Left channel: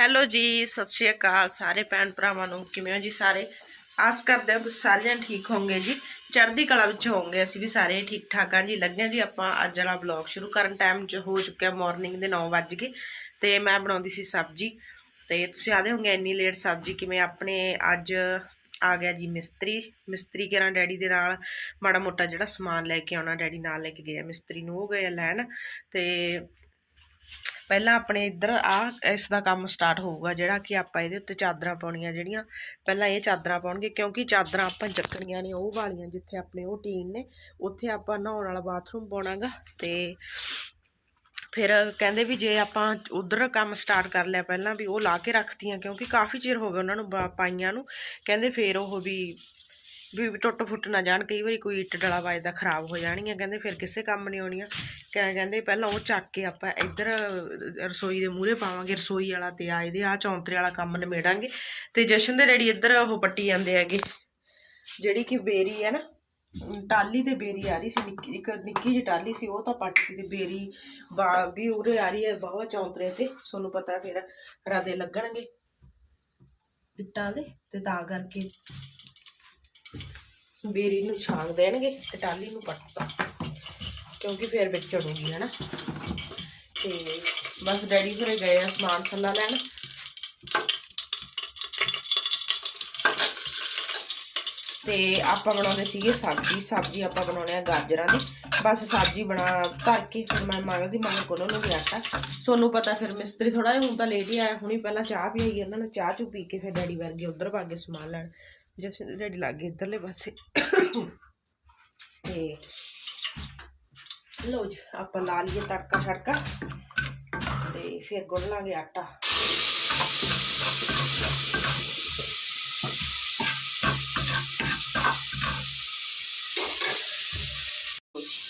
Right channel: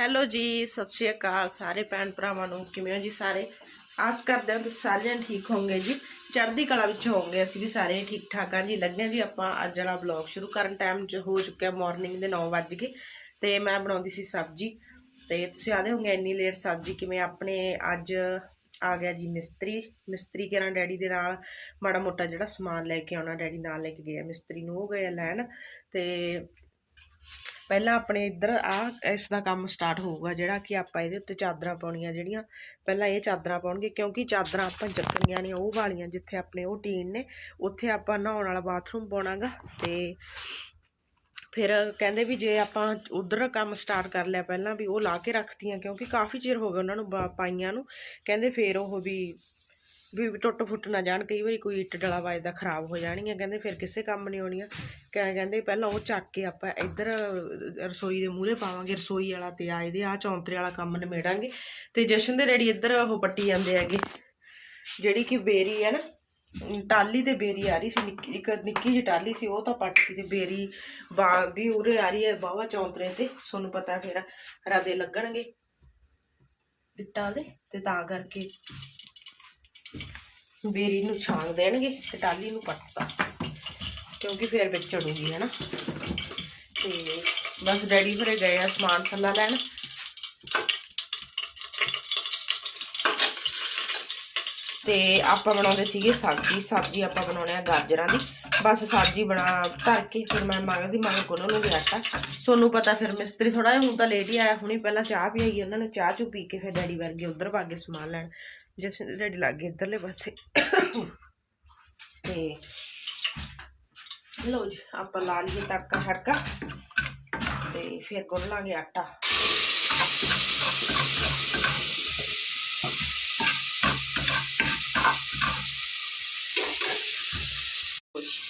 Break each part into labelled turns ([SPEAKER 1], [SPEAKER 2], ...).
[SPEAKER 1] Hello ਜੀ, ਸਤਿ ਸ਼੍ਰੀ ਅਕਾਲ ਸਾਰੇ ਭੈਣ ਭਰਾਵਾਂ ਨੂੰ, ਕਿਵੇਂ ਹੋ ਜੀ ਸਾਰੇ? ਆਸ ਕਰਦੇ ਹਾਂ ਤੁਸੀਂ ਸਾਰੇ ਠੀਕ ਹੋਵੋਗੇ ਜੀ। ਚੜ੍ਹਦੀ ਕਲਾ ਵਿੱਚ ਹੋਵੋਗੇ, ਅਸੀਂ ਵੀ ਸਾਰੇ ਠੀਕ ਠਾਕ ਹਾਂ ਜੀ। ਲੱਗੇ ਹਾਂ ਜੀ ਆਪਾਂ ਅੱਜ ਵਾਲਾ ਵਲੌਗ ਸ਼ੁਰੂ ਕਰਨ ਟਾਈਮ 'ਚ ਹੋ ਚੁੱਕਿਆ ਮਾਰਨਿੰਗ ਦੇ 9 ਵੱਜ ਗਏ ਤੇ ਮੈਂ ਬਣਾਉਂਦੀ ਸੀ ਸਬਜ਼ੀ। ਤੇ ਤੁਸੀਂ ਆਦੇ ਹੋਗੇ ਇੰਨੀ ਲੇਟ ਸਬਜ਼ੀ ਕਿਵੇਂ ਆਪਣੇ ਅੱਜ ਆ ਗਿਆ ਜੀ ਮਿਸਤਰੀ। ਮਿਸਤਰੀ ਕਰਾਂ ਡੈਡੀ ਦੇ ਨਾਲ ਮਾੜਾ ਮੋਟਾ ਜਿਹੜਾ ਸਮਾਨ ਲੈ ਕੇ ਆਉਣਾ, ਡੈਡੀ ਨਾਲ ਲੈ ਕੇ ਗਿਆ ਮਿਸਤਰੀ ਨੂੰ ਉਹ ਗਏ ਲੈਣ ਤੇ ਪਹਿਲਾਂ ਆਪਣੇ ਇੱਧਰ ਆ ਇਸ ਦਾ ਕੰਮ ਸਟਾਰਟ ਹੋਊਗਾ, ਜਿਹੜਾ ਕਿ ਆਪਾਂ ਇਹਦੇ ਉੱਤੇ ਚਾਦਰਾਂ ਪਾਉਣੀਆਂ ਜਿਹੜੀਆਂ, ਪਹਿਲਾਂ ਇਹ ਚਾਦਰਾਂ ਪਾਉਣਗੇ, ਕਿਉਂਕਿ ਚਾਦਰਾਂ ਆਪਾਂ ਚੱਕਣੀਆਂ ਨੇ, ਉਹ ਵਾਲੀਆਂ ਜਿੱਥੇ ਆਪਣੇ ਉਹ ਟੀਨ ਨੇ, ਉੱਥੇ ਆਪਾਂ ਨਹਾਉਣ ਵਾਲਾ ਬਾਥਰੂਮ ਪਾਉਣਾਗਾ, ਤੇ ਫਿਰ ਕਹਿੰਦੇ ਵੀ ਜੇ ਆਪਾਂ ਉਧਰ ਕੰਮ ਸਟਾਰਟ ਕਰ ਲਿਆ ਪਹਿਲਾਂ ਵੀ ਉਹ ਲਾ ਕੇ ਰੱਖਤੀਆਂ, ਕਿਉਂਕਿ ਕਾਫੀ ਚਿਰ ਹੋ ਗਿਆ ਉਹਨਾਂ ਨੂੰ ਪਾਈਆਂ ਨੂੰ, ਕਹਿੰਦੇ ਫਿਰ ਉਹ ਵੀ ਵੀ ਟੁੱਟ ਫੁੱਟ ਨਾ ਜਾਣ, ਕਈ ਵਾਰੀ ਕੋਈ ਇੱਟ ਡਲਾ ਵੱਜਦਾ ਖਰਾਬ ਹੋ ਜਾਣਗੀਆਂ, ਕਹਿੰਦੇ ਫਿਰ ਕਿਸੇ ਕੰਮ ਨਹੀਂ ਆਉਣੀਆਂ। ਕਹਿ- ਕਹਿੰਦੇ, ਪਹਿਲਾਂ ਉਹ ਚੱਕ ਕੇ ਆਪਾਂ ਇੱਧਰ ਰਸੋਈ ਦੇ ਮੂਹਰੇ ਪਾਵਾਂਗੇ, ਰਸੋਈ ਵਾਲਾ ਤੇ ਆ ਇਹਦੇ ਆ ਚੌਂਤਰੇ ਵਾਲਾ ਕੰਮ ਨਿਮੇੜਾਂਗੇ ਤੇ ਜਸ਼ਨ ਦੇ ਰੈਡੀ ਇੱਧਰ ਉਹ ਪੱਟੀ ਜਾਂਦੇ ਹੈਗੇ, ਜਿਹੜੀ ਕਿ ਬੇਰੀ ਹੈ ਨਾ ਅਮ ਟਾਲੀ ਤੇ ਬੇਰੀ ਆ ਰਹੀ ਸੀ, ਨਿੱਕੀ, ਇੱਕ ਨਿੱਕੀ ਜਿਹੀ ਟਾਲੀ ਸੀ, ਉਹ ਤਾਂ ਪੱਟਤੀ ਤੇ ਬੇਰੀ ਵੀ ਉਰੇ ਆ ਰਹੀ ਹੈ ਬਾਵਾ ਚੌਂਤਰੇ ਤੇ, ਤੁਹਾਨੂੰ ਪਤਾ ਫਿਰ ਰਾਦੇ ਲੱਗਣਗੇ। ਇੱਟਾਂ ਦੇ, ਤੇ ਤਾਂ ਕਰਕੇ ਬੇਰੀ ਨੂੰ ਛਾਂਗ ਦੇਣਗੇ ਤੇ ਟਾਲੀ ਨੂੰ ਪੱਟਤਾ ਕਿਉਂਕਿ ਫਿਰ ਵਿੱਚ ਚੜੂਗੀ, ਹੈਨਾ? ਤੇ ਬਸ ਡੈਡੀ ਘਰੇ ਗਏ ਆ ਸਮਾਨ ਥੱਲਾ ਲੈਣ। ਤੇ ਆਪਾਂ ਬਣਾਉਂਦੇ ਸੀਗੇ ਸਬਜ਼ੀ। ਸਬਜ਼ੀ ਆਪਾਂ ਬਣਾਉਣੇ ਆ ਗਾਜਰਾਂ ਦੀ। ਬਸ ਸਬਜ਼ੀ ਬਣਾ ਧਰ ਕੇ ਫਿਰ ਮੈਂ ਮੰਗਦੀ, ਮੰਗ ਕੋਲੋਂ ਨੂੰ ਗਿਆ ਆਟਾ। ਤੁਹਾਨੂੰ ਪਤਾ ਫਿਰ ਮਿਸਤਰੀ ਥੋੜਾ ਜਿਹਾ ਹੁਣ ਤਾਂ ਲੇਟ ਹੀ ਆਇਆ, ਹੁਣੀ ਪਹਿਲਾਂ ਚਾਹ ਪੀ ਆਈ ਉਹਨਾਂ ਨੂੰ ਚਾਹ ਚੂ ਪੀ ਕੇ ਫਿਰ ਡੈਡੀ ਵਰਗੇ ਉਧਰ ਭਾਗੇ ਸਮਾਨ ਲੈਣ। ਜਿਸ ਡੈਡੀ ਲੱਗੇ ਇੱਧਰਲੇ ਪਾਸੇ ਤੇ ਲੋ ਜੀ ਆਪਾਂ ਲਾ ਲਈਏ ਤੜਕਾ ਛੜਕਾ ਤੇ ਫਿਰ ਗੁੰਨ ਲਾਂਗੇ ਆਟਾ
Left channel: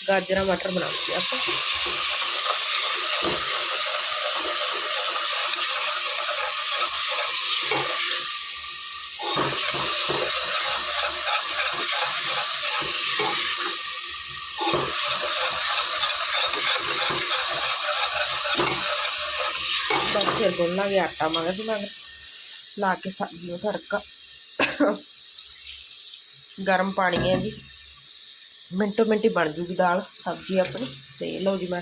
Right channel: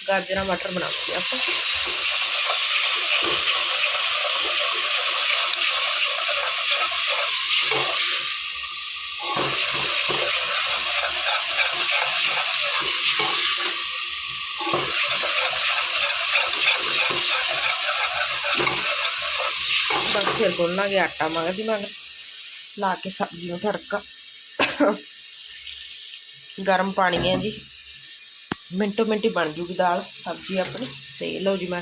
[SPEAKER 1] ਗਾਜਰਾਂ ਮਟਰ ਬਣਾਉਂਦੇ ਆਪਾਂ ਬਸ ਫਿਰ ਗੁੰਨ ਲਾਂਗੇ ਆਟਾ ਮਗਦੀ ਮਗਰ। ਲਾ ਕੇ ਸਬਜ਼ੀ ਨੂੰ ਤੜਕਾ। ਗਰਮ ਪਾਣੀ ਹੈ ਜੀ। ਮਿੰਟੋ ਮਿੰਟੀ ਬਣ ਜੂਗੀ ਦਾਲ, ਸਬਜ਼ੀ ਆਪਣੀ। ਤੇ ਲਓ ਜੀ ਮੈਂ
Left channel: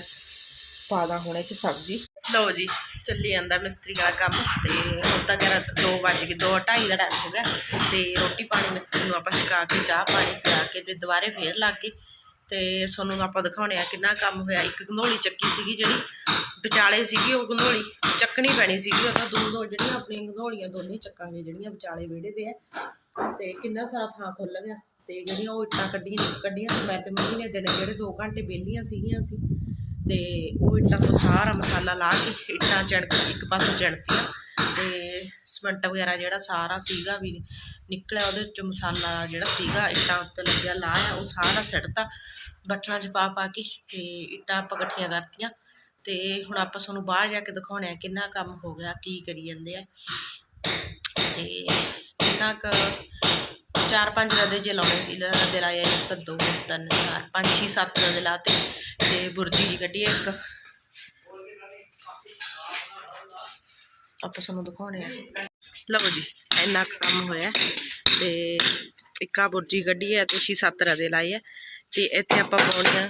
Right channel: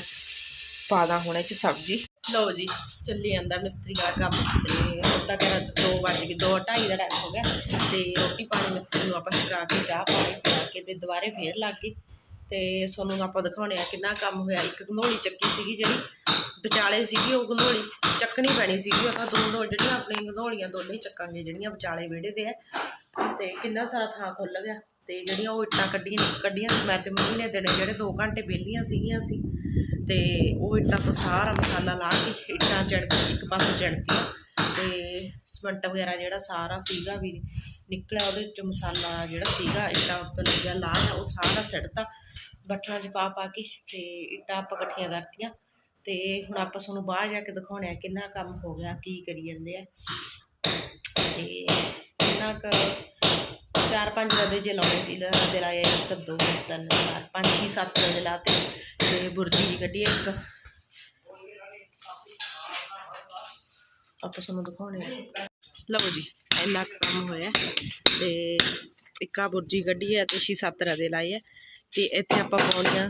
[SPEAKER 1] ਪਾ ਦਾਂ ਹੁਣ ਇਹ ਚ ਸਬਜ਼ੀ। ਲਓ ਜੀ, ਚੱਲੀ ਜਾਂਦਾ ਮਿਸਤਰੀ ਵਾਲਾ ਕੰਮ। ਤੇ ਹੁਣ ਤਾਂ ਕਹਿ 2 ਵੱਜ ਗਏ 2 2:30 ਦਾ ਟਾਈਮ ਹੋ ਗਿਆ। ਤੇ ਰੋਟੀ ਪਾਣੀ ਮਿਸਤਰੀ ਨੂੰ ਆਪਾਂ ਛਕਾ ਕੇ ਚਾਹ ਪਾਣੀ ਪਿਲਾ ਕੇ ਤੇ ਦੁਬਾਰੇ ਫੇਰ ਲੱਗ ਗਏ। ਤੇ ਤੁਹਾਨੂੰ ਆਪਾਂ ਦਿਖਾਉਣੇ ਆ ਕਿੰਨਾ ਕੰਮ ਹੋਇਆ। ਇੱਕ ਗੰਧੋਲੀ ਚੱਕੀ ਸੀਗੀ ਜਿਹੜੀ, ਵਿਚਾਲੇ ਸੀਗੀ ਉਹ ਗੰਧੋਲੀ ਚੱਕਣੀ ਪੈਣੀ ਸੀਗੀ ਉਹ ਤਾਂ ਦੋ ਦੋ ਜਿਹੜੀਆਂ ਆਪਣੀਆਂ ਗੰਧੋਲੀਆਂ ਦੋਨੇ ਚੱਕਾਂਗੇ, ਜਿਹੜੀਆਂ ਵਿਚਾਲੇ ਵਿਹੜੇ ਦੇ ਆ। ਤੇ ਕਿੰਨਾ ਸਾਰਾ ਥਾਂ ਖੁੱਲ ਗਿਆ। ਤੇ ਜਿਹੜੀਆਂ ਉਹ ਇੱਟਾਂ ਕੱਢੀਆਂ ਕੱਢੀਆਂ ਸੀ। ਮੈਂ ਤੇ ਮੰਮੀ ਨੇ ਦਿਨੇ ਜਿਹੜੇ 2 ਘੰਟੇ ਵਿਹਲੀਆਂ ਸੀਗੀਆਂ ਅਸੀਂ ਤੇ ਉਹ ਇੱਟਾਂ ਤੋਂ ਸਾਰਾ ਮਸਾਲਾ ਲਾ ਕੇ ਇੱਟਾਂ ਚਿਣਕ ਇੱਕ ਪਾਸੇ ਚੜਤੀਆਂ ਤੇ ਸਮੰਟ ਵਗੈਰਾ ਜਿਹੜਾ ਸਾਰਾ ਸੀਗਾ ਵੀ ਨਿਕਲਿਆ ਉਹਦੇ ਚੋਂ ਮਸਾਲਾ ਜਿਹੜਾ ਸੀਗਾ, ਇੱਟਾਂ ਉੱਤੇ ਲੱਗਿਆ ਲਾਇਆ, ਉਹ ਸਾਰਾ ਸਿੱਟਤਾ। ਬੱਠਲਾਂ 'ਚ ਪਾ ਪਾ ਕੇ ਤੇ ਇੱਟਾਂ ਆਪਾਂ ਇਕੱਠੀਆਂ ਕਰਤੀਆਂ। ਤੇ ਹੁਣ ਆਪਾਂ ਤੁਹਾਨੂੰ ਬਾਹਰ ਜਾ ਕੇ ਦਿਖਾਉਣੇ ਆ ਕਿੰਨਾ ਕੰਮ ਹੋ ਗਿਆ, ਕੀ ਕਰੀ ਜਾਂਦੇ ਆ। ਤੇ ਕਿੰਨਾ ਕੁ ਚਾਰ ਪੰਜ ਰਦੇ ਜੇ ਲਾਉਣੇ ਸੀ ਰਦੇ ਲਾਏ ਇੱਕ, ਦੋ, ਤਿੰਨ, ਚਾਰ, ਪੰਜ, ਛੇ, ਸੱਤ ਰਦੇ ਲਾਤੇ। ਤੇ ਬੁਰਜੀ ਜੀ ਕੱਢੀ ਇੱਕ। ਆਪਾਂ ਤੁਹਾਨੂੰ ਦਿਖਾਉਣੇ ਆ। ਲਓ ਜੀ, ਇੰਨਾ ਕੁ ਕੰਮ ਹੋਇਆ ਤੇ ਇੱਕਾ ਬੁਰਜੀ ਕੱਢੀ ਹੈ ਤੇ ਛੇ ਸੱਤ ਰਦੇ ਲਾਏ ਹੈ ਤੇ ਇੱਥੇ ਆਪਾਂ ਪਾਉਣੀਆਂ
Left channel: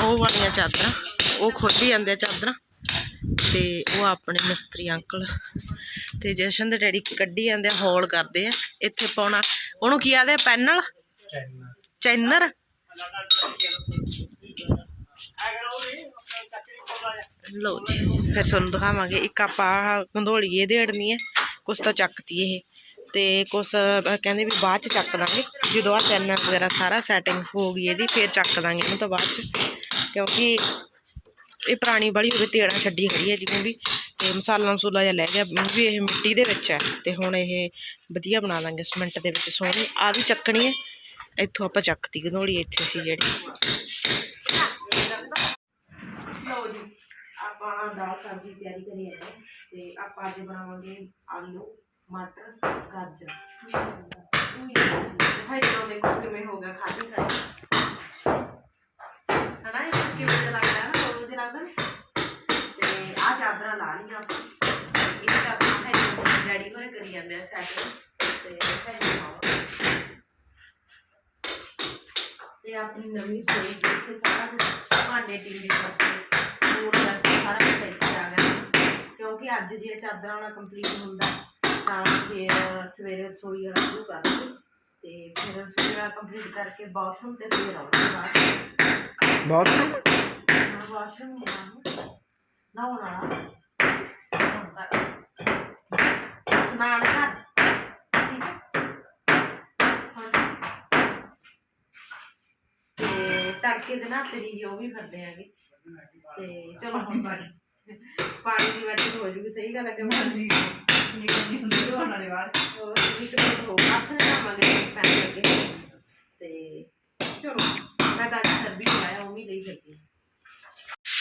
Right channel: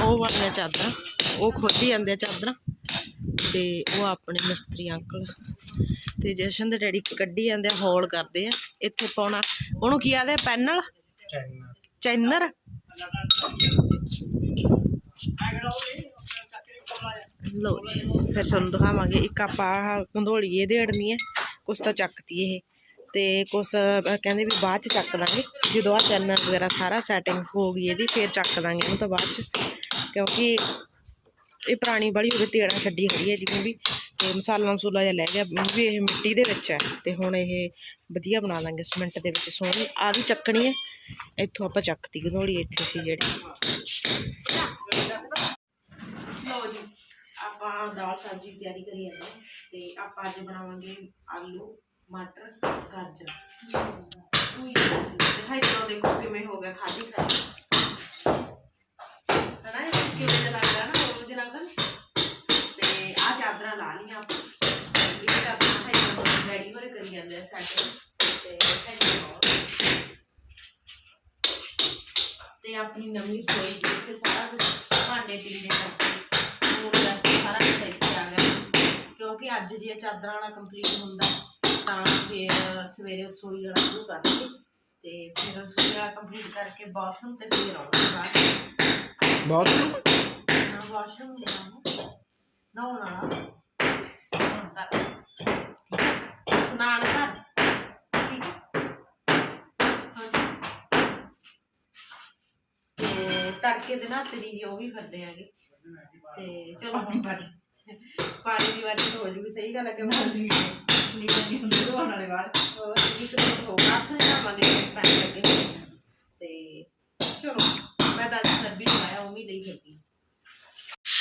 [SPEAKER 1] ਉਹ ਵਾਲੀਆਂ ਚਾਦਰਾਂ, ਉਹ ਖੋਲੀ ਜਾਂਦੇ ਆ ਚਾਦਰਾਂ ਤੇ ਉਹ ਆਪਣੇ ਮਿਸਤਰੀ ਅੰਕਲ ਤੇ ਜਸ਼ਨ ਦੇ ਡੈਡੀ ਕੱਢੀ ਜਾਂਦੇ ਆ, ਹੌਲ ਕਰਦੇ ਆ, ਇੱਥੇ ਪਾਉਣਾ, ਉਹਨੂੰ ਕੀ ਆਦੇ ਪੈਨਲ? ਚੈਨਰ। ਲੋ ਜੀ, ਫਿਰ ਤੁਹਾਨੂੰ ਦਿਖਾਵਾਂਗੇ, ਇੱਕ ਆਪਾਂ ਆਹ ਗੰਧੋਲੀ ਇਹ ਦੇੜਨੀ ਹੈ। ਕੁਛ ਤਾਂ ਚੱਕਤੀ ਇਹ। ਤੇ ਕੁਛ ਕਹਿੰਦੇ ਵੀ ਬਾਅਦ ਚ ਚੱਕ ਦਾਂਗੇ ਜਦੋਂ ਆ ਪੈਨਲ ਵਗੈਰਾ ਸਾਰਾ ਸੈਟਿੰਗ ਹੋ ਗਈ ਇਹਦੀ, ਫਿਰ ਚੱਕ ਦਾਂਗੇ ਇਹਨੂੰ ਤਾਂ ਬਾਅਦ ਚ। ਕਿਉਂਕਿ ਇਹ ਪੁਰਾਣੀ ਬੜੀ ਹੋਵੇ, ਤੇੜਾ ਛੱਡੀ ਖੜੀ ਹੈ ਜਿਵੇਂ ਵੀ। ਤੇ ਮਸਾਲਾ ਮਸੂਲਾ ਜਿਹਾ ਲੈ ਗਿਆ ਵੀ ਇਹ ਮਿੱਟੀ ਦੇ ਵਿੱਚ ਹੈ। ਤੇ ਹੁਣ ਇਹ ਵਧੀਆ ਬਣਾ ਲਾਂਗੇ ਸਿਮੈਂਟ ਦੇ ਵਿੱਚ ਸੋਹਣੀ। ਆ ਵੀ ਚੱਕਣੀ ਹੈ। ਇੱਥੋਂ ਆਪਾਂ ਚੱਕਤੀ ਗੰਧੋਲੀ ਇੱਥੇ ਸੀ ਜਿਹੜੀ। ਆਪਾਂ ਦਾਲ ਸਬਜ਼ੀ ਤਿਆਰੀ ਕਰੀ ਜਾਂਦੇ ਹਾਂ ਤੇ ਆਪਾਂ ਅੱਜ ਬਣਾਵਾਂਗੇ ਆਲੂ, ਮਟਰ, ਗਾਜਰ। ਉਹੀ ਹੈ ਜੀ ਦੇਖੋ ਕਿਵੇਂ ਹੋ ਗਿਆ ਖਾਲੀ ਖਾਲੀ ਹਨਾ, ਇਹ ਕਿਵੇਂ ਦਾ ਲੱਗਦਾ ਨਾ, ਹੋਰ ਵਧੀਆ ਲੱਗਦਾ। ਤੇ ਆ ਚਾਦਰਾਂ ਲਾ ਲਈਆਂ ਆਪਾਂ। ਇਹ ਚਾਦਰਾਂ ਹੈ ਜੀ ਡੈਡੀ ਕਰੀ ਜਾਂਦੇ ਆ ਸੈਟ। ਤੇ ਹੈ ਜੀ ਤੇ ਆਪਣੀ ਨਵੀਂ ਰਸੋਈ, ਜਿੱਥੇ ਸਾਰਾ ਕੁਝ ਭਾਂਡੇ ਟਿੰਡੇ ਕਰਕੇ, ਹੋਰ ਕਿਉਂਕਿ ਅੱਜ ਜੇ ਚਾਦਰਾਂ ਵਾਲਾ ਕੰਪਲੀਟ ਹੁੰਦਾ ਤਾਂ ਫਿਰ ਸਵੇਰੇ ਰਸੋਈ ਵਾਲਾ ਸ਼ੁਰੂ ਕਰਾਂਗੇ ਤੇ ਫਿਰ ਰਸੋਈ ਵਾਲਾ ਕੰਪਲੀਟ ਕਰਕੇ ਬਾਥਰੂਮ ਤੇ ਫਿਰ ਆਉਂਗੇ ਬਾਅਦ
[SPEAKER 2] ਬਹੁਤ
[SPEAKER 1] ਨਾ ਵਾਸ਼ਰੂਮ ਜਾਣਾ ਨਹਾਉਣ ਕਰ ਸਨਾਨ ਕਰ ਤੜਕੇ ਦੇ ਨਾ ਤੇਰੀ ਉਹ ਵੀ ਫਿਰਦੇ ਆਗੇ ਤੇ ਚਲੋ। ਹੁਣ ਪਾਣੀ ਦੀ ਵਾਰੀ ਹੋ ਜੂਗੀ ਸਹੀ ਗੱਲ ਹੈ ਕਿ ਮਾਜੀ ਹੋਰ ਇੱਕ ਮਿੰਟ ਹੋ ਹੱਥ ਨਾਲ ਮੰਗੇ ਪੈਣ ਲੱਗੇ ਤੇ ਚਲੋ ਮੈਂ ਤਾਂ ਅੱਜ ਸਰਬੀ ਨਹੀਂ ਆਇਆ ਉਹ ਵੀ ਲਈ ਫਿਰਦੀ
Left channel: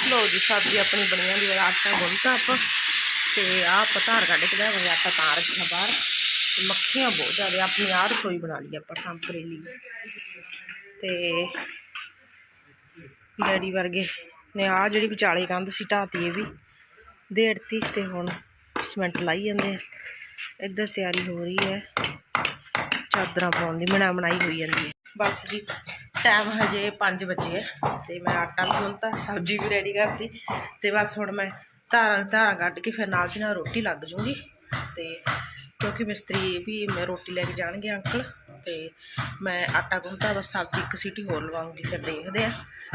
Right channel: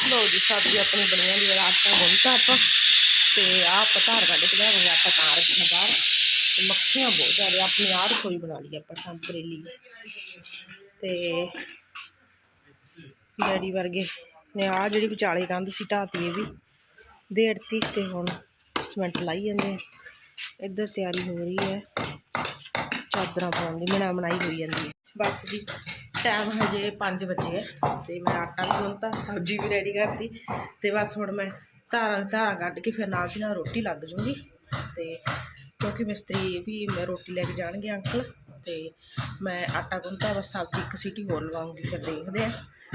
[SPEAKER 1] ਲੋ ਜੀ ਸਬਜ਼ੀ ਆਪਣੀ ਬਣੀ ਜਾਂਦੀ ਹੈ ਆਟਾ ਗੁੰਨਤਾ ਆਪਾਂ। ਤੇ ਆਹ ਆਪਾਂ ਧਾਰ ਕੱਢ ਕੇ ਲਿਆਵਾਂਗੇ ਆਟਾ ਤਾਂ ਰੱਖਿਆ ਬਾਹਰ। ਤੇ ਮੱਖੀਆਂ ਬਹੁਤ ਜ਼ਿਆਦਾ ਆਪਣੀ ਆਹ ਰਸੋਈ ਬਣਾ ਲਈ ਆਪਾਂ ਟੈਂਪਰੇਰੀ ਤੇ ਡੈਡੀ ਵਰਗੇ ਨੇ ਆਹ ਜਿਹੜੀ ਵਿਚਾਲੇ ਕੰਧ ਸੀ ਢਾਤੀ ਇਹ ਵੀ। ਦੇੜਤੀ ਤੇ ਹੁਣ ਸੀਮੈਂਟ ਲਾਈ ਜਾਂਦੇ ਆ। ਇੱਧਰ ਤਿਆਰੀ ਹੋ ਰਹੀ ਹੈ। ਚਾਦਰਾਂ ਪਾਉਣ ਦੀ ਬਣਾ ਬਣਾਈ ਹੋਈ ਜਾਂਦੀ ਹੈ। ਬਸ ਜੀ ਟਾਈਮ ਹਜੇ 5 ਵਜੇ ਹੈ ਤੇ ਮੈਂ ਆਟਾ ਵੀ ਗੁੰਨਤਾ, ਸਬਜ਼ੀ ਵੀ ਰੈਡੀ ਕਰਤੀ ਤੇ ਬਸ ਹੁਣ ਮੈਂ ਧਾਰਾਂ ਧਾਰਾਂ ਕੱਢ ਕੇ ਫਿਰ ਨਾਲ ਦੀ ਨਾਲ ਰੋਟੀ ਲੱਗ ਜੂੰਗੀ ਤੇ ਕਿਉਂਕਿ ਮਿਸਤਰੀ ਵੀ ਮੈਂ ਰੋਟੀ ਲੈ ਕੇ ਜਾਣਗੇ ਅੰਕਲ। ਤੇ ਮੈਂ ਆਟਾ ਗੁੰਨਤਾ, ਬਸ ਸਬਜ਼ੀ ਇੱਕ ਸੀਟੀ ਹੋਰ ਲਵਾਉਂਗੀ ਫਿਰ ਦੇਖਦੇ ਆ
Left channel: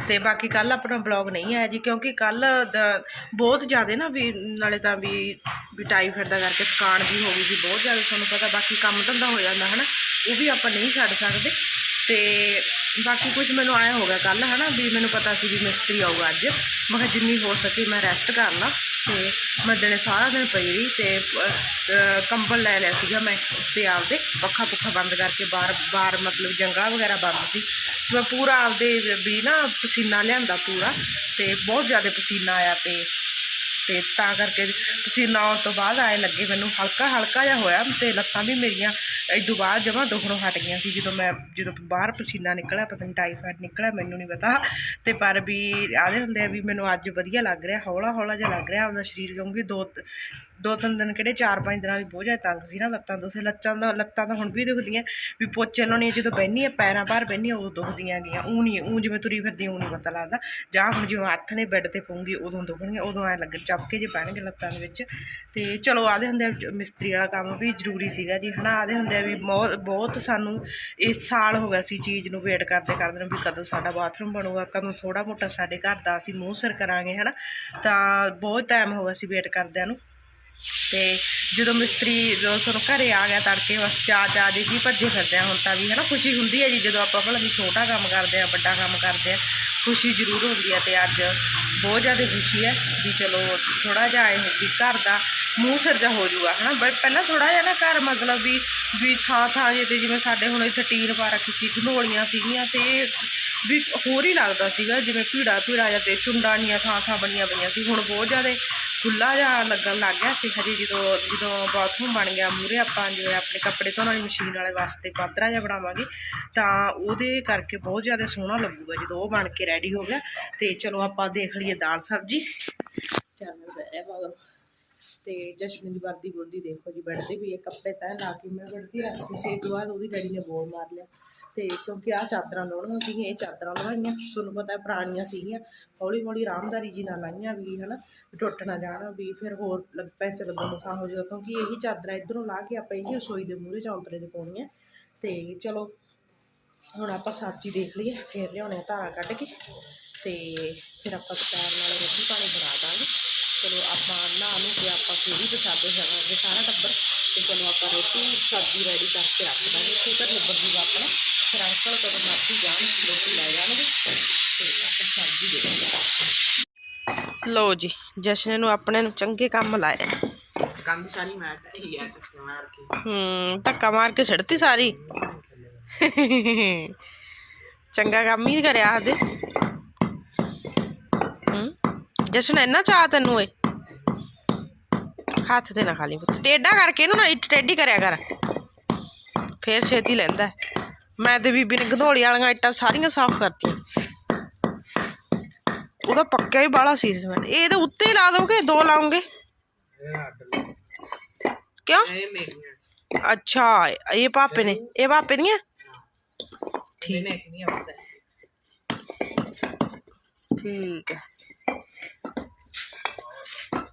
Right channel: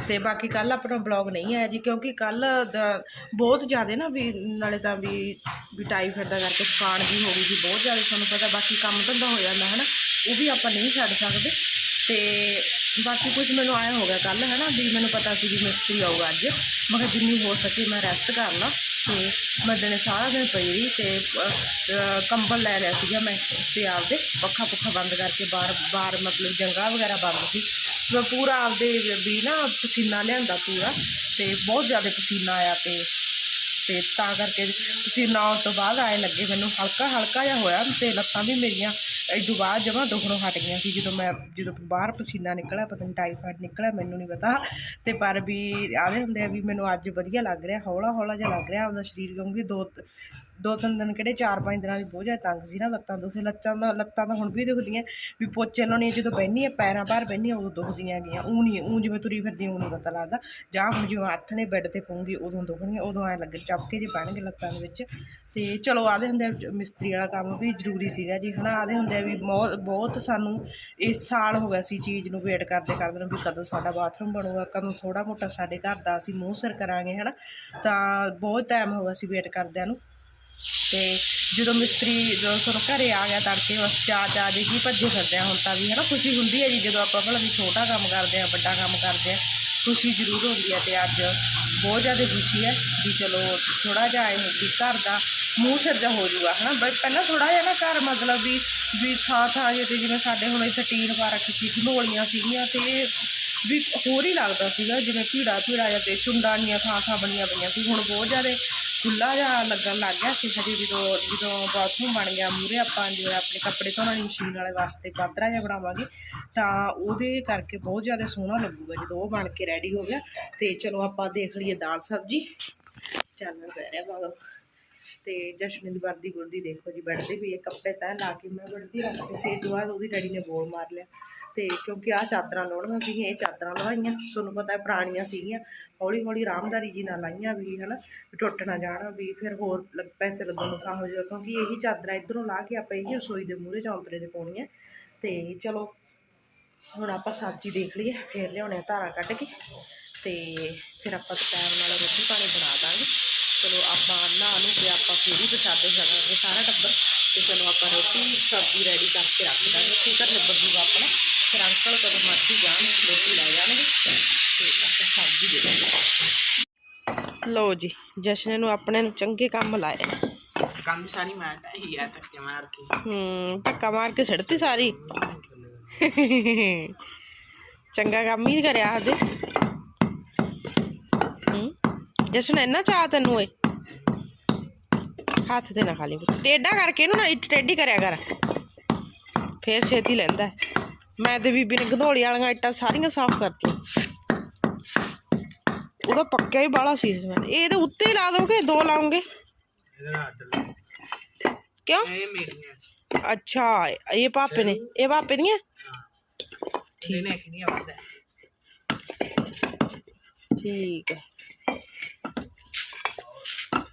[SPEAKER 1] ਤੇ ਬਾਕੀ ਕੱਲ ਆਪਣਾ ਬਲੌਗ ਨਹੀਂ ਆਇਆ ਜੀ, ਕਿਉਂਕਿ ਕੱਲ ਬਹੁਤ ਜ਼ਿਆਦਾ ਨਾ ਵੀ ਨਾਲੇ ਤਾਂ ਵੀ ਵੀ ਟਾਈਫਾਇਡ ਦਾ ਕਰਕੇ ਥਕਾਨ ਵੀ ਹੋ ਗਈ ਜੀ ਬਹੁਤ ਜ਼ਿਆਦਾ ਤੁਹਾਨੂੰ ਪਤਾ, ਬਾਕੀ ਕੰਮ ਧੰਦਾ ਹੋ ਜਾਂਦਾ ਹਨਾ, ਉਹ ਵੀ ਆਪਾਂ ਨਹੀਂ ਛੱਡ ਸਕਦੇ। ਤੇ ਬਾਕੀ ਕੁਝ ਮੈਨੂੰ ਆਇਆ ਹੋ ਗਿਆ ਕੱਲ ਹਨਾ, ਵੀ ਮੈਨੂੰ ਪਤਾ ਸੀ ਵੀ ਮਿਸਤਰੀ ਆਊਗਾ ਅੱਜ। ਮੈਂ ਕਿਹਾ ਜਿੰਨੀ ਹੋ ਸਕੇ ਮੈਂ ਰੈਸਟ ਕਰ ਲਾਂ। ਤੇ ਬੰਦੇ ਨੇ ਸਾਰਾ ਦਿਨ ਪਈ ਰਹੀ ਤੇ ਕੰਬਲ ਲੈ ਲਿਆ ਸੀਗਾ ਮੈਂ ਤੇ ਆਪਦੇ ਪੱਖਾ ਪੁੱਖਾ ਬੰਦ ਕਰਕੇ ਬਾਹਰ ਬਾਹਰ ਮਤਲਬ ਜੰਗਾ ਵਗੈਰਾ ਬੰਦ ਸੀ। ਮੈਂ ਪੂਰਾ ਆਪਦੇ ਵੀ ਨਾ ਪਸੀਨਾ ਲਿਆਂਦਾ ਪੂਰਾ ਤੇ ਬਹੁਤ ਜ਼ਿਆਦਾ ਪਸੀਨਾ ਆਇਆ ਤੇ ਤੇ ਤਾਂ ਕਰਕੇ ਪਸੀਨਾ ਆਉਣ ਤੋਂ ਬਾਅਦ ਆਏ ਲੱਗੇ ਮੈਨੂੰ ਹਲਕਾ ਹਲਕਾ ਜਿਹਾ ਹੋਇਆ ਤੇ ਲੱਤਾਂ ਵੀ ਮੇਰੀਆਂ ਇਦੋਂ ਬਾਅਦ ਜਮਾਂ ਦੁਖਣੋਂ ਹਟ ਗਈਆਂ ਸੀ, ਜਦੋਂ ਮੈਂ, ਜਦੋਂ ਬਾਹਰ ਪਸੀਨਾ ਨਿਕਲਿਆ, ਪਤਾ ਨਹੀਂ ਟਾਈਫਾਇਡ ਨਿਕਲਿਆ, ਮੈਨੂੰ ਨਹੀਂ ਪਤਾ। ਤੇ ਪਰ ਵੀ ਆਦੇ ਹੁੰਦੇ ਆ ਵੀ ਮੈਨੂੰ ਅੱਜ ਵਧੀਆ ਲੱਗ ਰਿਹਾ ਹੌਲਾ ਹੌਲਾ ਜਿਹਾ ਲੱਗ ਰਿਹਾ, ਆਪਦਾ ਸਰੀਰ ਕਿਉਂਕਿ ਦੋ ਦੋ ਤਿੰਨ ਦਿਨ ਕਿਹੜੇ ਚਾਰ ਪੰਜ ਦਿਨਾਂ ਦੀ ਬਹੁਤ ਜ਼ਿਆਦਾ ਤੰਗ ਸੀ ਨਾ ਲੱਤਾਂ ਤੋਂ ਲੱਤਾਂ ਦਾ, ਲੱਤਾਂ ਤਾਂ ਹੁਣ ਵੀ ਦੁਖਦੀਆਂ। ਵੀ ਪੋਚੇ ਲਾਉਣੀ ਜਦੋਂ ਬਹਿਨੀ ਆ ਪੈਰਾਂ ਭਾਰ ਬਹਿਨੀ ਉਦੋਂ ਦੁਖਦੀਆਂ ਗਈਆਂ ਉਹ ਨਹੀਂ ਉਹ ਜਿਵੇਂ ਤੁਰੀ ਫਿਰਦੀ ਉਹ ਨਹੀਂ ਪਤਾ ਲੱਗਦਾ। ਜਾਂ ਹੁਣ ਜਿਵੇਂ ਹੱਥ ਨੇ ਬੈੱਡ ਤੇ ਪਊਂਗੀ, ਉਦੋਂ ਦੁਖਣਗੀਆਂ ਉਦੋਂ ਐ ਲੱਗਣ ਚਪਕੇ ਜੇ ਪੈਣਗੇ ਲੱਤਾਂ ਦੇ ਵਿੱਚ। ਤੇ ਚਲੋ, ਆਦੇ ਹੁੰਦੇ ਆ ਮਿਸਤਰੀ ਵਾਲਾ ਕੰਮ ਵੀ ਜ਼ਰੂਰੀ ਸੀਗਾ ਜੀ, ਹਨਾ? ਆਦੇ ਹੁੰਦੇ ਆ ਵੀ ਬਹੁਤ ਬਹੁਤ ਸਾਨੂੰ ਇਸ ਸਾਲ ਹੋ ਗਿਆ ਸੀ ਚੀਜ਼ ਨੂੰ ਵੇਟ ਕਰਦੇ ਕਰਦੇ ਨੂੰ ਵੀ ਕਦੋਂ ਸਾਡਾ ਬਾਥਰੂਮ ਬਣੂਗਾ, ਕਦੋਂ ਥੋੜਾ ਮੋਟਾ ਸਾਡੇ ਘਰ ਦਾ ਅਸੀਂ ਮੂੰਹ ਸਿਰ ਕਰਾਂਗੇ, ਹਨਾ? ਤਾਂ ਬਹੁਤ ਟਾਈਮ ਹੋ ਗਿਆ ਸੀ ਵੇਟ ਕਰਦਿਆਂ ਨੂੰ। ਤੇ ਜਦੋਂ ਮਿਸਤਰੀ ਜਦੋਂ ਸਾਨੂੰ ਘਰੇ ਆ ਗਿਆ ਤੜਕੇ ਬਸ ਚਾ ਚਾ ਦੇ ਕੀ ਭੱਜੇ ਫਿਰਦੇ ਆ, ਹੁਣ ਤਾਂ ਵੀ ਹਨਾ ਖੁਸ਼ੀ ਹੁੰਦੀ ਹੈ ਜੀ, ਜਦੋਂ ਆਪਾਂ ਭਲਾ ਵੀ ਛੋਟਾ ਕੰਮ ਕਰਦੇ ਆ, ਵੱਡਾ ਕੰਮ ਕਰਦੇ ਆ, ਖੁਸ਼ੀ ਜ਼ਰੂਰ ਹੁੰਦੀ ਹੈ ਤੇ ਅੱਜ ਬਹੁਤ ਜ਼ਿਆਦਾ ਖੁਸ਼ੀ ਹੈ ਵੀ ਚਲੋ ਥੋੜਾ ਜਿਹਾ ਇਹ ਵੀ ਘਰ ਦਾ ਮੂੰਹ ਸਿਰ ਜਾ ਹੋ ਜਾਊਗਾ ਹਨਾ, ਬਟ ਪਹਿਲਾਂ ਥੋੜਾ ਜਿਹਾ ਨਾ ਘਰ ਮਤਲਬ ਵੀ ਵੀ ਥਾਂ ਥਾਂ ਜੇ ਤੇ ਜਿਵੇਂ ਸਾਡੇ ਹੁਣ ਇੱਥੇ ਟੀਨ ਪਾ ਰੱਖੀ ਸੀ ਘਨੋਲੀਆਂ ਸੀਗੀਆਂ ਤੇ ਵੀ ਹੋਰ ਹੀ ਲੱਗਦਾ ਸੀਗਾ, ਜਿਵੇਂ ਭੀੜਾ ਭੀੜਾ ਜਾਂ ਤੇ ਚੁੰਡਾਨੀਆਂ ਥਾਂ ਥਾਂ ਬਣੀਆਂ ਪਈਆਂ ਸੀ, ਹੁਣ ਬਹੁਤ ਜ਼ਿਆਦਾ ਖੁੱਲਾ ਜਿਹਾ ਲੱਗਣ ਲੱਗ ਗਿਆ ਸੀ ਹਜੇ ਜਦੋਂ ਜਦੋਂ ਬਾਥਰੂਮ ਬਣ ਗਿਆ ਮੂਰੇ ਆਪਾਂ ਜਿਵੇਂ ਆਪਣੇ ਕੱਪੜੇ ਧੋਣ ਵਾਲੀ ਮਸ਼ੀਨ ਵਾਲੇ ਵਾਸਤੇ ਪਾਤਰਾ ਜਿਹਾ ਬਣਾਵਾਂਗੇ, ਤਾਂ ਉਹਦੇ ਕਰਕੇ ਬਹੁਤ ਜ਼ਿਆਦਾ ਸੋਹਣਾ ਲੱਗੂਗਾ ਜਦੋਂ ਉਹ ਬਣ ਕੇ ਰੈਡੀ ਹੋ ਗਿਆ। ਤੇ ਚਲੋ ਆਪਾਂ ਦੇਖ ਲਈਏ ਦਾਲ ਸਬਜੀ। ਚੱਲ ਪੈ ਰਿਹਾ ਮਗਰ ਤੇ ਜਸ਼ਨ ਦੀ ਵਰਦੀ ਵਰਦੀ ਦੇਖੋ ਜੀ ਬੈੱਡ ਤੇ ਵੀ ਇਹ ਕੱਪੜੇ ਤੈਅ ਲਾ ਕੇ ਮੈਂ ਬੈੱਡ ਤੇ ਰੱਖਦੇ ਸੀ ਇਹ ਤੋਂ ਬਾਅਦ ਉਹਦੀ ਡੈਡੀ ਨੇ ਬੋਲ ਮਾਰ ਲਿਆ। ਤੇ ਕਿਉਂਕਿ ਆਹ ਚਾਦਰਾਂ ਲਾਉਣੀਆਂ ਸੀਗੀਆਂ, ਇਹ ਚਾਦਰਾਂ ਲਵਾਈਆਂ, ਤੁਹਾਨੂੰ ਪਤਾ ਪੁਰਾਣੀਆਂ ਸੀਗੀਆਂ ਹੌਲੀ ਹੌਲੀ ਆਰਾਮਦਾਰੀ ਜੀ ਨਾਲ ਲਾਈਆਂ ਵੀ, ਹਨਾ, ਵੀ ਟੁੱਟ ਨਾ ਜਾਣ, ਵੀ ਫਿਰ ਹੋਰ ਲੱਗ- ਪੈਸੇ ਲੱਗਣ ਨੂੰ ਥਾਂ ਹੋ ਜਾਊਗਾ, ਕਿਉਂਕਿ ਇਹੀ ਚਾਦਰਾਂ ਇਧਰੋਂ ਲਾ ਕੇ ਆਪਾਂ ਇਹੀ ਰਸੋਈ ਦੇ ਮੂਹਰੇ ਚੌਂਤਰੇ ਤੇ ਪਾਉਣੀਆਂ। ਤੇ ਚਲੋ, ਹੁਣ ਆਪਾਂ ਸਬਜ਼ੀ ਦੇਖ ਲਈਏ, ਫਿਰ ਲਿਆਉਣੇ ਆ ਧਾਰਾਂ ਕੱਢ ਕੇ, ਤੇ ਫਿਰ ਆਪਾਂ ਦੁਪਹਿਰ ਨਾਲ ਰੋਟੀ ਪਾਣੀ ਬਣਾ ਦਾਂਗੇ। ਚਲੋ ਆਪਾਂ ਨਹਾ ਨੂੰ ਕੇ ਆਪਾਂ ਫਿਰ ਹੀ ਪ੍ਰਸ਼ਾਦੇ ਛਕਾਂਗੇ ਸਾਰਾ ਟੱਬਰ ਤੇ ਚਲੋ ਆਪਾਂ ਰੋਟੀ ਸਬਜ਼ੀ ਰੈਡੀ ਕਰਕੇ ਰੱਖ ਦਾਂਗੇ। ਫਿਕਰ ਨਿਬੜ ਜੂਗਾ ਆਪਣਾ। ਫਿਰ ਅੰਕਲ ਕਦੋਂ ਮਰਜ਼ੀ ਜਾਣ ਰੋਟੀ ਲੈ ਜਾਣਗੇ ਤੇ ਆਪਾਂ ਸਬਜ਼ੀ ਦੇ ਦਾਂਗੇ। ਲਓ ਜੀ ਜਸ਼ਨ ਨੂੰ ਆਪਣੇ ਨੂੰ ਚੰਗੇ ਕੰਮ ਲਾਏ
[SPEAKER 2] ਕੰਧ ਸਾਰੀ ਮੈਂ ਢਾਈ ਆ ਟੱਕੇ ਮਾਰ ਕੇ।
[SPEAKER 1] ਹੂੰ ਧੱਕਾ ਮਾਰ ਕੇ ਛੱਡਤੀ ਸਾਰੀ? ਚੰਗਾ ਕੰਮ ਹੀ ਕਰਿਆ ਆਦੇ ਹੂੰ ਜਸ਼ਨ ਇੰਨਾ ਚਾਹ ਤੈਨੂੰ ਏ। ਹੱਥ ਤੇ ਨਾ ਖਾਲੀ ਟੇਡਾ ਕਰਕੇ ਇਹਨੂੰ ਨਾ ਟੇਢੀ ਕਰਿਆ ਕਰ। ਫੇਰ ਛੇਤੀ ਲੈਂਦਾ। ਮੈਂ ਤੇ ਬੀਬੀ ਨੇ ਗਧੋਲੀ ਵਾਲੀਆਂ ਇੱਟਾਂ ਸਾਰੀਆਂ ਸਾਫ਼ ਕਰਤੀਆਂ। ਉਹਦਾ ਪੱਕਿਆ ਹੀ ਬਾਲਾ ਸੀ ਸੀਮੈਂਟ ਇਹ ਇਹਦੇ ਉੱਤੇ ਹੀ ਲਾ ਦੋਗੇ ਦੋ ਲਾਉਂਗੇ। ਕਿਉਂ? ਅੱਛਾ ਇਹ ਪਾਪੇ ਨੇ। ਇਹ ਪਾਪੇ ਦੀਆਂ? ਠੀਕ ਹੈ।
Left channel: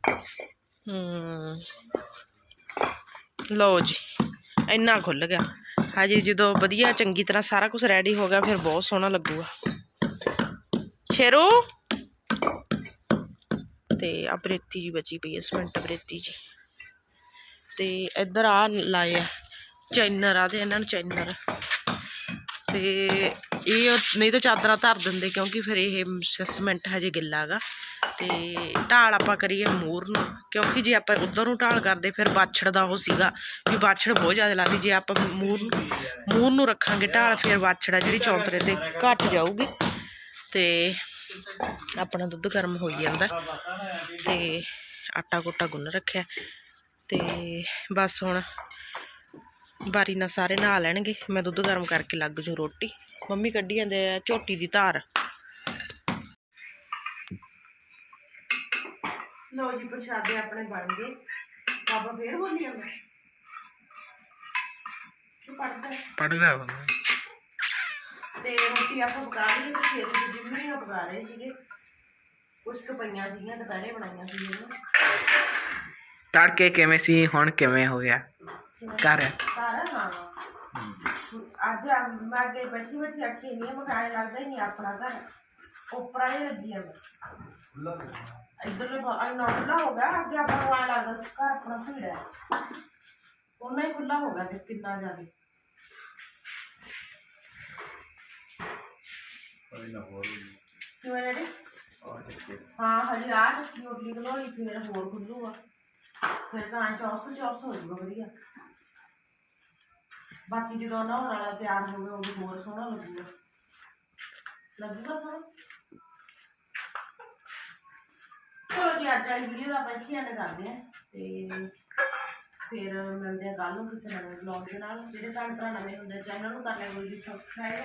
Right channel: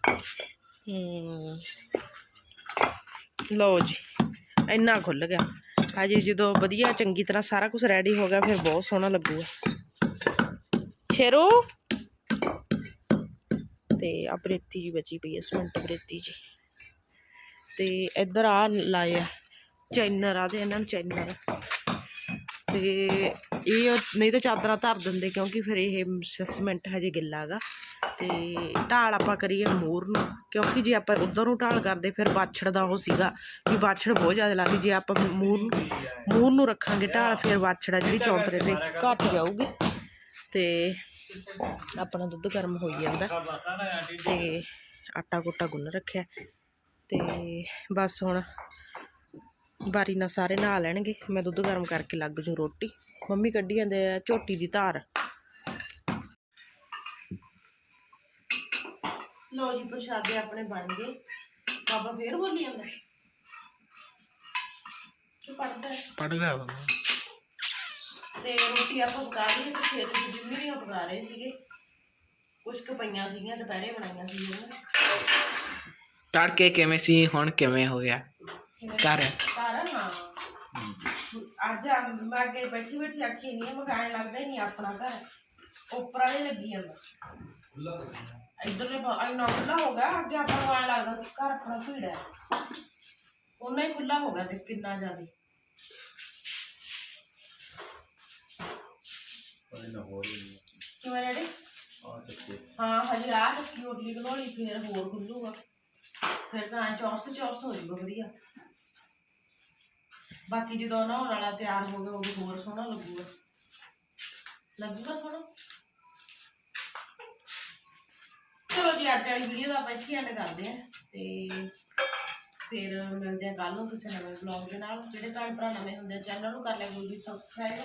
[SPEAKER 1] ਹੂੰ। ਲਓ ਜੀ, ਇੰਨਾ ਖੁੱਲ ਗਿਆ। ਹਜੇ, ਜਦੋਂ ਵਧੀਆ, ਚੰਗੀ ਤਰ੍ਹਾਂ ਸਾਰਾ ਕੁਝ ਰੈਡੀ ਹੋ ਗਿਆ, ਫਿਰ ਬਹੁਤ ਸੋਹਣਾ ਲੱਗੂਗਾ। ਸ਼ੇਰੂ! ਤੇ ਆ ਬਰੇਤੀ ਜੀ ਬਚੀ ਪਈ ਇਸ ਮਿੰਟ ਬਰੇਤੀ ਜੀ ਤੇ ਇੱਧਰ ਆ ਲਾਇਆ ਚੈਨਰ ਆ ਤੇ ਇਹਨਾਂ ਨੂੰ ਚੈਨਰ। ਤੇ ਇਹ ਨਹੀਂ ਤਾਂ ਚਾਦਰਾਂ ਧਰ ਦਿੰਦੇ ਕਿਉਂਕਿ ਫਿਰ ਇਹ ਸ- ਸੀਮੈਂਟ ਹਜੇ ਗਿੱਲਾ ਗਾ ਤੇ ਢਾਲ ਆਪਾਂ ਕਰੀਏ ਮੂਰ ਨੂੰ, ਕਿਉਂਕਿ ਜੇ ਆਪਾਂ ਉਧਰ ਨੂੰ ਢਾਲ ਕਰਦੇ ਫਿਰ ਬਾਛੜ ਦਾ ਉਹ ਸੀਗਾ ਵੀ ਬਾਛੜ ਬਹੁਤ ਜ਼ਿਆਦਾ ਲੱਗਦੀ। ਜੇ ਆਪਾਂ ਮੂਰ ਮੂਰ ਨੂੰ ਰੱਖਾਂਗੇ ਢਾਲ ਫਿਰ ਬਾਛੜ ਜਿਹੜੀ ਚੌਂਤਰੇ ਤੇ ਘਟ ਜਾਊਗੀ। ਤੇ ਆਪਣਾ ਦੁੱਧ ਗਰਮ ਹੋਈ ਜਾਂਦਾ। ਤੇ ਆਟਾ ਕੋਟਾ ਗੁੰਨ ਰੱਖਿਆ। ਤੇ ਬਸ ਹੁਣ ਬਾਰੀ ਨਾਲ ਸਾਰੇ ਨਹਾ ਲੈਣਗੇ। ਮੈਂ ਦੁੱਧ ਗਰਮ ਕਰਕੇ ਲੱਗ ਜੂ ਰੋਟੀ। ਮੰਮੀ ਕੱਢੀ ਜਾਂਦੇ ਆ ਝੋਟੀ ਦੀ ਧਾਰ। ਲੋ ਜੀ ਪ੍ਰਸ਼ਾਦੇ ਆਪਣੇ ਬਣ ਗਏ। ਬਾਬਾ ਫੇਰ ਬੋਲੀ ਜਾਂਦਾ। ਕੀ ਪੜਦਾ
[SPEAKER 2] ਪੜਦਾ ਬੰਦਾ
[SPEAKER 1] ਤੇ ਰੋਟੀ ਆਪਾਂ ਪਕਾ ਲਈ ਤੇ ਖੇਤ ਦੀ ਜਿੰਮੀਆਂ ਪਕਾ ਰਹੇ ਸੀਗੇ। ਕੁਛ ਕੁ ਪਈਆਂ ਸੀਗੀਆਂ ਦੁਪਹਿਰੇ ਬਣਾਈਆਂ ਸੀਗੀਆਂ
[SPEAKER 2] ਤੜਕੇ ਕਿਵੇਂ ਸੀ ਹੁਣ ਕਿਵੇਂ ਹੋ ਗਿਆ? ਘਰ।
[SPEAKER 1] ਘਰ ਹਾਂ। ਅੱਜ ਆ- ਮੈਂ ਅੱਗੇ ਬੈਠੀ ਬੈਠੀ ਆਖੀ ਨਹੀਂ ਮੈਂ ਕਾਇ ਲੱਗਦਾ ਹੀ ਨਹੀਂ ਆਪਣਾ ਘਰ। ਉੱਪਰ ਵਾਲੇ ਲੱਗੀ ਜਾਂਦਾ ਇਧਰਲੇ ਆਈ ਨਾ ਖੁੱਲਾ ਹੋ ਗਿਆ ਅੱਗੇ ਆਪਾਂ ਨੂੰ ਆਏ ਲੱਗਦਾ ਸੀ ਘਰ ਆਪਣਾ ਭੀੜ ਹੈ। ਉਹਨਾਂ ਹੀ ਖੁੱਲਾ ਹੋ ਗਿਆ ਤੇ ਕਿੰਨਾ ਜ਼ਿਆਦਾ। ਕਿਵੇਂ ਰੈਡੀ ਹਾਂ ਹਜੇ ਆ ਚੱਕੀ ਉਡਲੀ ਬਣਾਉਣੀ ਫੇਰ ਹੋਰ ਖੁੱਲੂਗਾ ਫਿਰ ਤਾਂ ਚੌਰਸ ਚੌਰਸ ਹੋ ਜਾਊਗਾ ਵਧੀਆ। ਬਾਕੀ ਜਦੋਂ ਨਹਾਉਣ ਵਾਲਾ ਤਿਆਰ ਹੋ ਗਿਆ, ਉਹ ਹੋਰ ਸੋਹਣਾ ਲੱਗੂਗਾ। ਲੱਗੂਗਾ ਸੋਹਣਾ? ਚਲੋ ਜੀ, ਅੱਜ ਵਾਲੀ ਵੀਡੀਓ ਦਾ ਆਪਾਂ ਇੱਥੇ ਐਂਡ ਕਰਦੇ ਹਾਂ ਤੇ ਫਿਰ ਮਿਲਦੇ ਆ ਕੱਲ ਨੂੰ ਕਿਸੇ ਨਵੇਂ ਵਲੌਗ ਦੇ ਨਾਲ। ਜਿਹੜੇ ਭੈਣ ਭਰਾ ਨਵੇਂ ਹੁੰਦੇ ਚੈਨਲ ਨੂੰ ਕਰ ਲਿਆ ਕੋਈ ਜੀ ਸਬਸਕ੍ਰਾਈਬ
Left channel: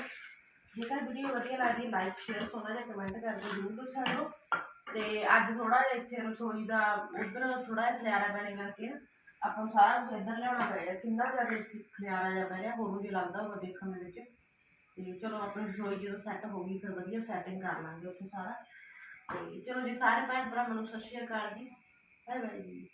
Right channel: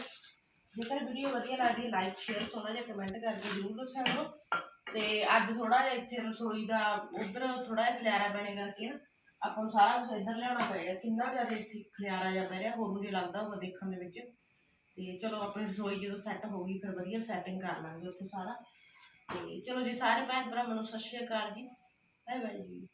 [SPEAKER 1] ਜੇਕਰ ਵੀਡੀਓ ਵਧੀਆ ਲੱਗਦੀ ਲਾਈਕ ਸ਼ੇਅਰ ਸੋਨਾ ਜਿਹਾ ਕਮੈਂਟ ਕਰਕੇ ਜ਼ਰੂਰ ਦੱਸਿਆ ਕਰੋ। ਤੇ ਅੱਜ ਥੋੜਾ ਜਿਹਾ ਇੱਥੇ ਰਸੋਈ ਦਾ ਉਧਰ ਥੋੜਾ ਜਿਹਾ ਖਲਿਆਰਾ ਪੈਣੇ ਕਰਕੇ ਨਾ ਆਪਾਂ ਨੂੰ ਸਾਰਾ ਕੁਝ ਇੱਧਰ ਲਿਆਉਣਾ ਪਏਗਾ। ਕਿੰਨਾ ਜ਼ਿਆਦਾ ਇੱਥੇ ਖਲਿਆਰਾ ਜਿਹਾ ਪੈ ਰਿਹਾ, ਹੋਰ ਨੂੰ ਜੇ ਲੱਗਦਾ ਹੋਊਗਾ ਦੇਖਣ ਦੇ ਵਿੱਚ। ਤੇ ਚਲੋ ਆਪਣੀ ਰਸੋਈ ਜਦੋਂ ਸੈੱਟ ਹੋ ਗਈ, ਫਿਰ ਵਧੀਆ ਸੈਟਿੰਗ ਕਰ ਲਾਂਗੇ ਉੱਥੇ ਸਾਰਾ। ਤੇ ਚਲੋ ਜੀ, ਸਾਰੇ ਭੈਣ ਭਰਾਵਾਂ ਨੂੰ ਸਤਿ ਸ਼੍ਰੀ ਅਕਾਲ ਜੀ। ਬਾਏ ਬਾਏ ਜੀ।